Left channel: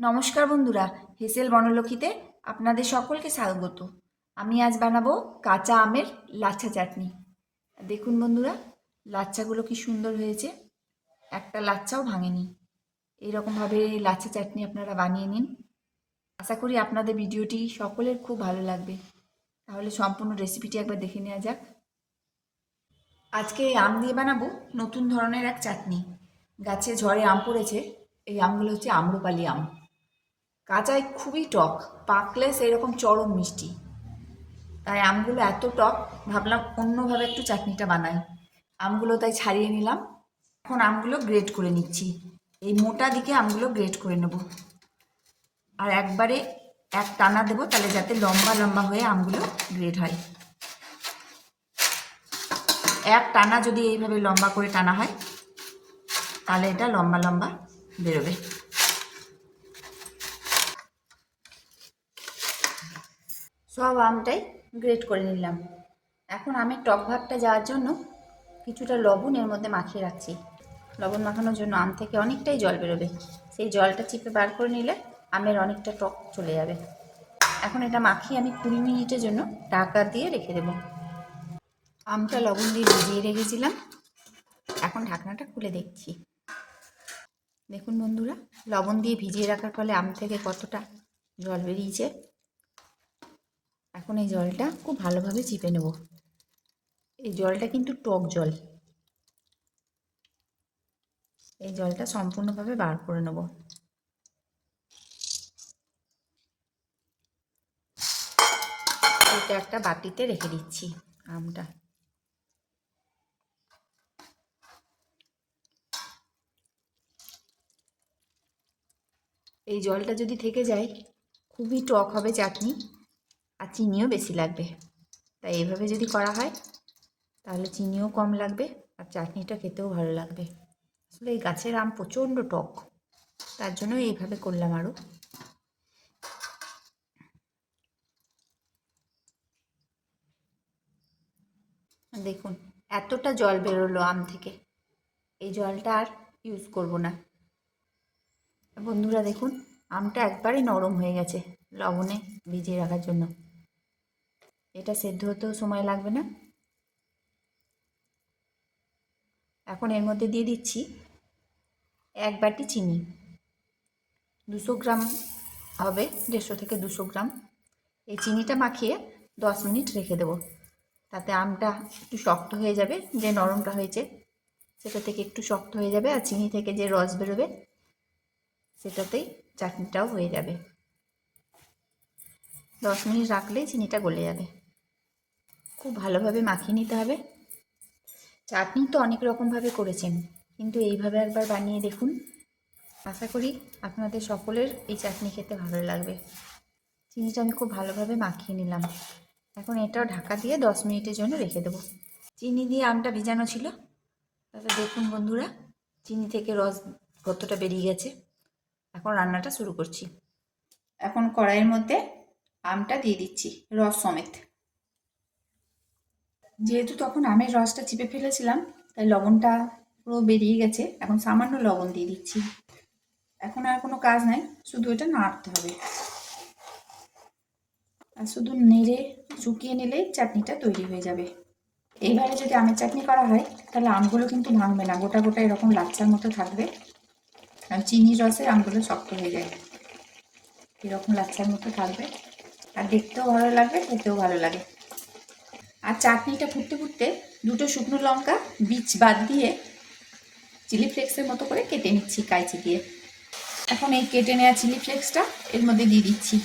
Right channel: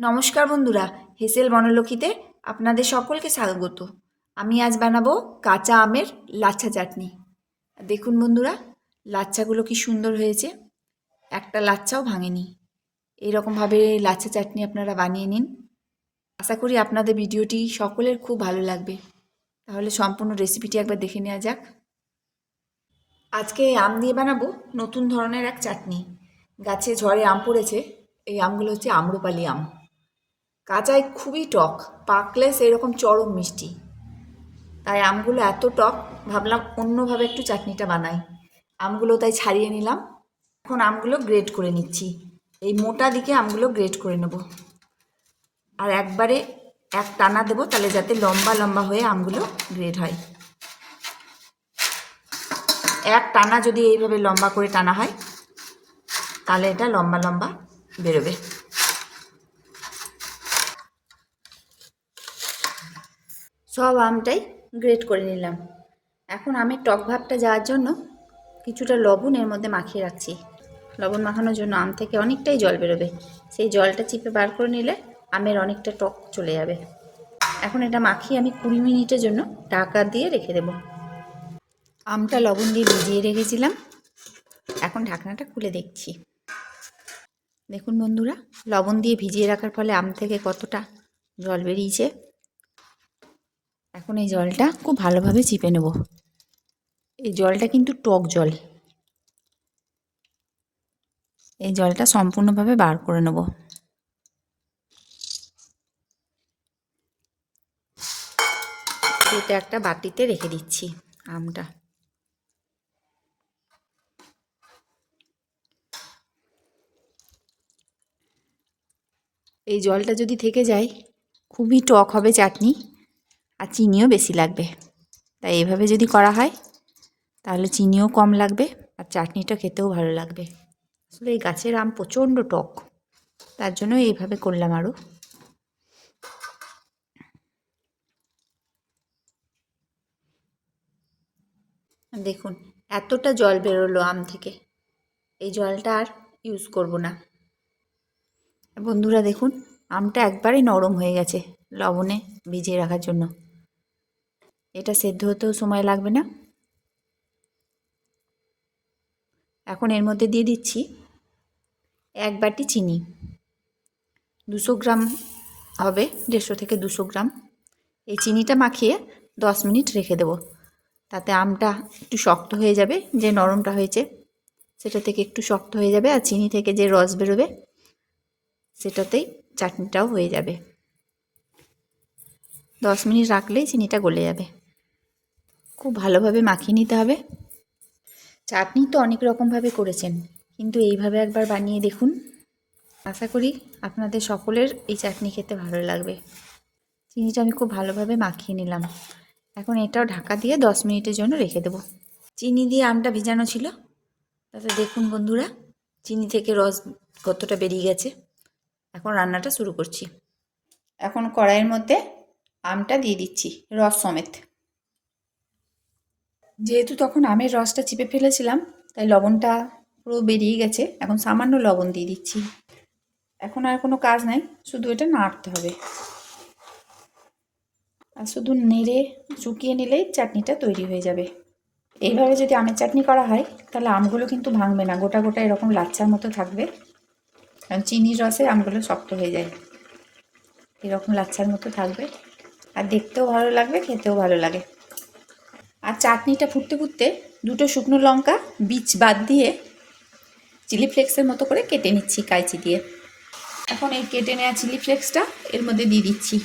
নমস্কার বন্ধুরা, হেসেল বনলক্ষীতে আপনাদের সকলকে স্বাগত। আমি আজ বানাবো কাঁচা আমের লাচ্ছা চাটনি। দেখুন বন্ধুরা, লাচ্ছাগুলো কি সুন্দর হয়েছে, একটা লাচ্ছাও ভাঙেনি। এইরকমভাবে লাচ্ছা চাটনি আপনারা বানিয়ে নিন। আশা করি আপনাদের ভিডিওটি সকলের খুব ভালো লাগবে। তাহলে সম্পূর্ণ রেসিপিটি একবার দেখে নেওয়া যাক। আজকে আম দিয়ে বানাবো নতুন ধরনের এক চাটনি। গাছে ঝড়ে আম পড়েছে, এই আমগুলো হচ্ছে আম্রপালি আম। কাঁচায় খুবই টক, পাকলে সেরকম চরম মিষ্টি। তাই আমগুলো এত টক, ভাবলাম অন্যভাবে একটু চাটনিটা বানাই। আমগুলো তাই ছাড়িয়ে নিলাম। এখন আমগুলো গ্রেট করে নিচ্ছি। এই মোটা দিকে আমগুলো গ্রেট করে নেব, আর একবারে এক টানা দেবো, তাহলে যাতে লম্বা লম্বা হয়ে আমগুলো গ্রেট হয়। এক টানা যদি এইভাবে লম্বা করে টানা হয়, তাহলে এটা লম্বা লম্বা বেরোবে। সব আমটাই গ্রেট করে নিলাম। এখন আমি টক ভাবটা যাওয়ার জন্য কিছুটা লবণ এর মধ্যে মাখিয়ে রাখছি। লবণ মাখানোর জন্য আম থেকে অনেকটাই জল বেরোবে, সেই জলটা চিপে বার করে নিলে আমের অনেকটা টক চলে যাবে। এখন এটা মাখিয়ে আমি 20 মিনিটের জন্য ঢাকা দিয়ে রেখে দেব। আমটা লবণ দিয়ে ভিজিয়ে রেখেছিলাম, এখন ঢাকনাটা খুলে দেখছি। দেখুন বন্ধুরা, লবণ দিয়ে ভিজিয়ে রাখার ফলে আম থেকে কতটা জল বেরিয়েছে। এখন এই জলটা খুব ভালোভাবে চিপে নেব। এই জলটা কিন্তু টক জল, এই জলটা সম্পূর্ণভাবে বার করে নেব। এটা একটা বাটিতে রেখে দিচ্ছি আমটা। এই জলটা যদি থেকে যায়, খুবই টক হবে চাটনি, আর চিনিও বেশি লাগবে। তাই এভাবে যদি করা হয়, তাহলে চিনিও কম লাগবে আর চাটনিটা খেতেও ভালো লাগবে। আসলে এই গাছের আম প্রচণ্ড টক, তার জন্য এইভাবে করলাম। আরও দেখুন, এতটা জল বেরোলো আম থেকে। এই জলটা আর ইউজ করব না। বন্ধুরা দেখুন, আমটা একবারেই নরম হয়ে গেছে লবণে ভিজিয়ে রাখার জন্য। এটা সেদ্ধ হতেও সময় লাগবে না। এখন এর মধ্যে দিয়ে দিচ্ছি 1 বাটি চিনি। 200 গ্রাম হবে, 150 থেকে 200 গ্রাম। এই চিনিটা মাখিয়ে 10 মিনিট রেখে দেব। তাতে আমটা একটু শক্ত হয়ে যাবে, যে নরমটা হয়েছে সেটা থেকে একটু শক্ত হয়ে যাবে, আর চিনি থেকে যে রস বেরোবে সেটাতেই চাটনিটাও হয়ে যাবে। 10 মিনিট রাখলেই চিনিটা গলে যাবে। খুব ভালোভাবে মাখিয়ে নিতে হবে। চাটনি তো অনেক রকমভাবে করেছেন, কিন্তু এইভাবে একবার বানিয়ে দেখুন। আশা করি আপনাদের সকলের এই চাটনি খেতে ভালো লাগবে। চিনিটা আমি খুব ভালোভাবে মাখিয়ে নিলাম। এখন এটাও ঢাকা দিয়ে 10 মিনিটের জন্য রেখে দেবো। চিনি দিয়ে আমটা ভিজানো ছিল, তাতে দেখুন বন্ধুরা, চিনি থেকে রস কতটা বেরিয়ে গেছে। এখন রান্নাটা শুরু করছি। এখন কড়াইয়ের মধ্যে আমটা দিয়ে দিচ্ছি রস সমেত। যেহেতু তখন আমের রসটা চিপে ফেলেছিলাম, তাই লবণটা পুরো বেরিয়ে গেছে। এখন সামান্য লবণ দিয়ে দিচ্ছি। এখন আর কোনো কাজ নাই, শুধু এটা নাড়তে হবে। আর শুধু নেড়ে শুকিয়ে নিলেই চাটনিটা তৈরি হয়ে যাবে। এইভাবে যদি আমের চাটনি করা হয়, তাহলে আমগুলো কিন্তু ভাঙবে না, গোটা গোটা এরকম লাচ্ছার মতো থাকবে। কারণ চিনির রসে আমগুলো শক্ত হয়ে যায়, এরকম লাচ্ছার মতো থাকবে। আর দেখতেও ভালো লাগবে, খেতেও ভালো লাগে। আর চাটনিটা ফুটতে ফুটতে 2টো শুকনো লঙ্কা বীজ বাদ দিয়ে চিলি ফ্লেক্সের মতো করে কেটে নিচ্ছি কাঁচি দিয়ে। এখন এই কেটে নেওয়া চিলি ফ্লেক্সটা এর মধ্যে দিয়ে দিচ্ছি।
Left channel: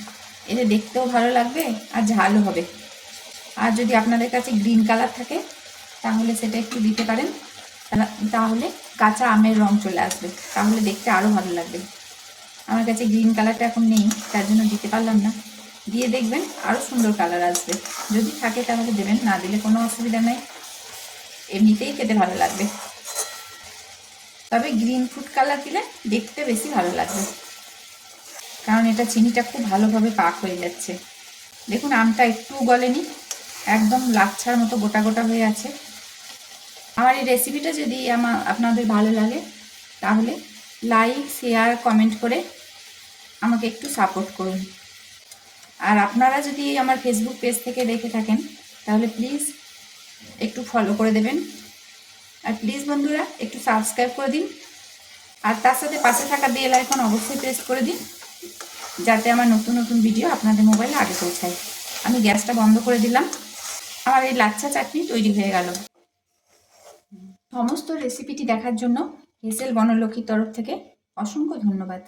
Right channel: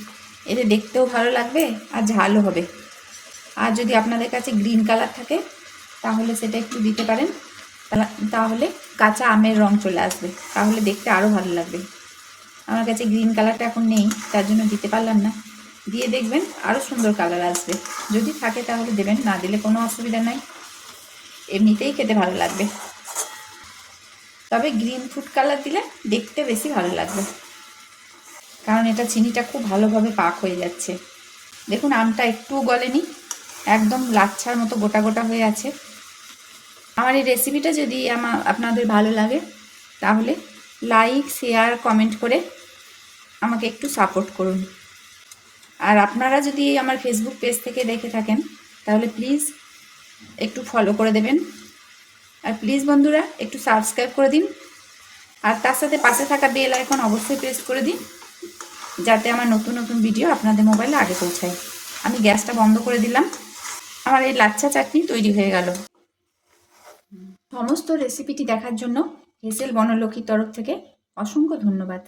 এতে দেখতেও ভালো লাগবে আর ঝালও হবে। আর যদি আপনাদের কাছে গ্রিন কালার থাকে, তাহলে সেটা একটু দিতে পারেন। তাহলে কাঁচা আমের রং চলে আসবে, তাহলে দেখতে আরও ভালো লাগবে। আমার কাছে গ্রিন কালারটা এখন নেই, তার জন্য দিতে পারলাম না। দিয়ে দেখবেন আরও সুন্দর কালার আসবে। যদি থাকে তাহলে দেবেন, না দিলে কোনো অসুবিধা নাই, এমনিতেই খেতে ভালো লাগবে। তবে গ্রিন ফুড কালার দিলে দেখতে বেশি ভালো লাগবে, কারণ এটা চিনিটা খুব ভালোভাবে পাক হয়ে যাচ্ছে। দেখুন আমটা একটু গলেনি, একদম লাচ্ছার মতো গোটা গোটা হয়ে আছে। আমার এই রেসিপিটা যদি আপনাদের ভালো লাগে, তাহলে লাইক, শেয়ার, কমেন্ট করে আমাকে একটু সাপোর্ট করুন। আর আপনারা যদি আমার ফেসবুক পেজ থেকে দেখে থাকেন তাহলে প্লিজ একটু ফলো করে দেবেন। আর প্লিজ বন্ধুরা একটু সাবস্ক্রাইব করে দিন। আর তার সাথে পাশে থাকা বেল আইকন অবশ্যই প্রেস করে দিন, যাতে আমার নতুন নতুন ভিডিও আপনাদের মোবাইলে আগে পৌঁছায়। আমি গ্যাসটা বন্ধ করে দিলাম। আমার এই লাচ্ছা চাটনি তৈরি হয়ে গেল। সমস্ত রেসিপিটি দেখার জন্য হেসেল বনলক্ষ্মীর তরফ থেকে অসংখ্য ধন্যবাদ।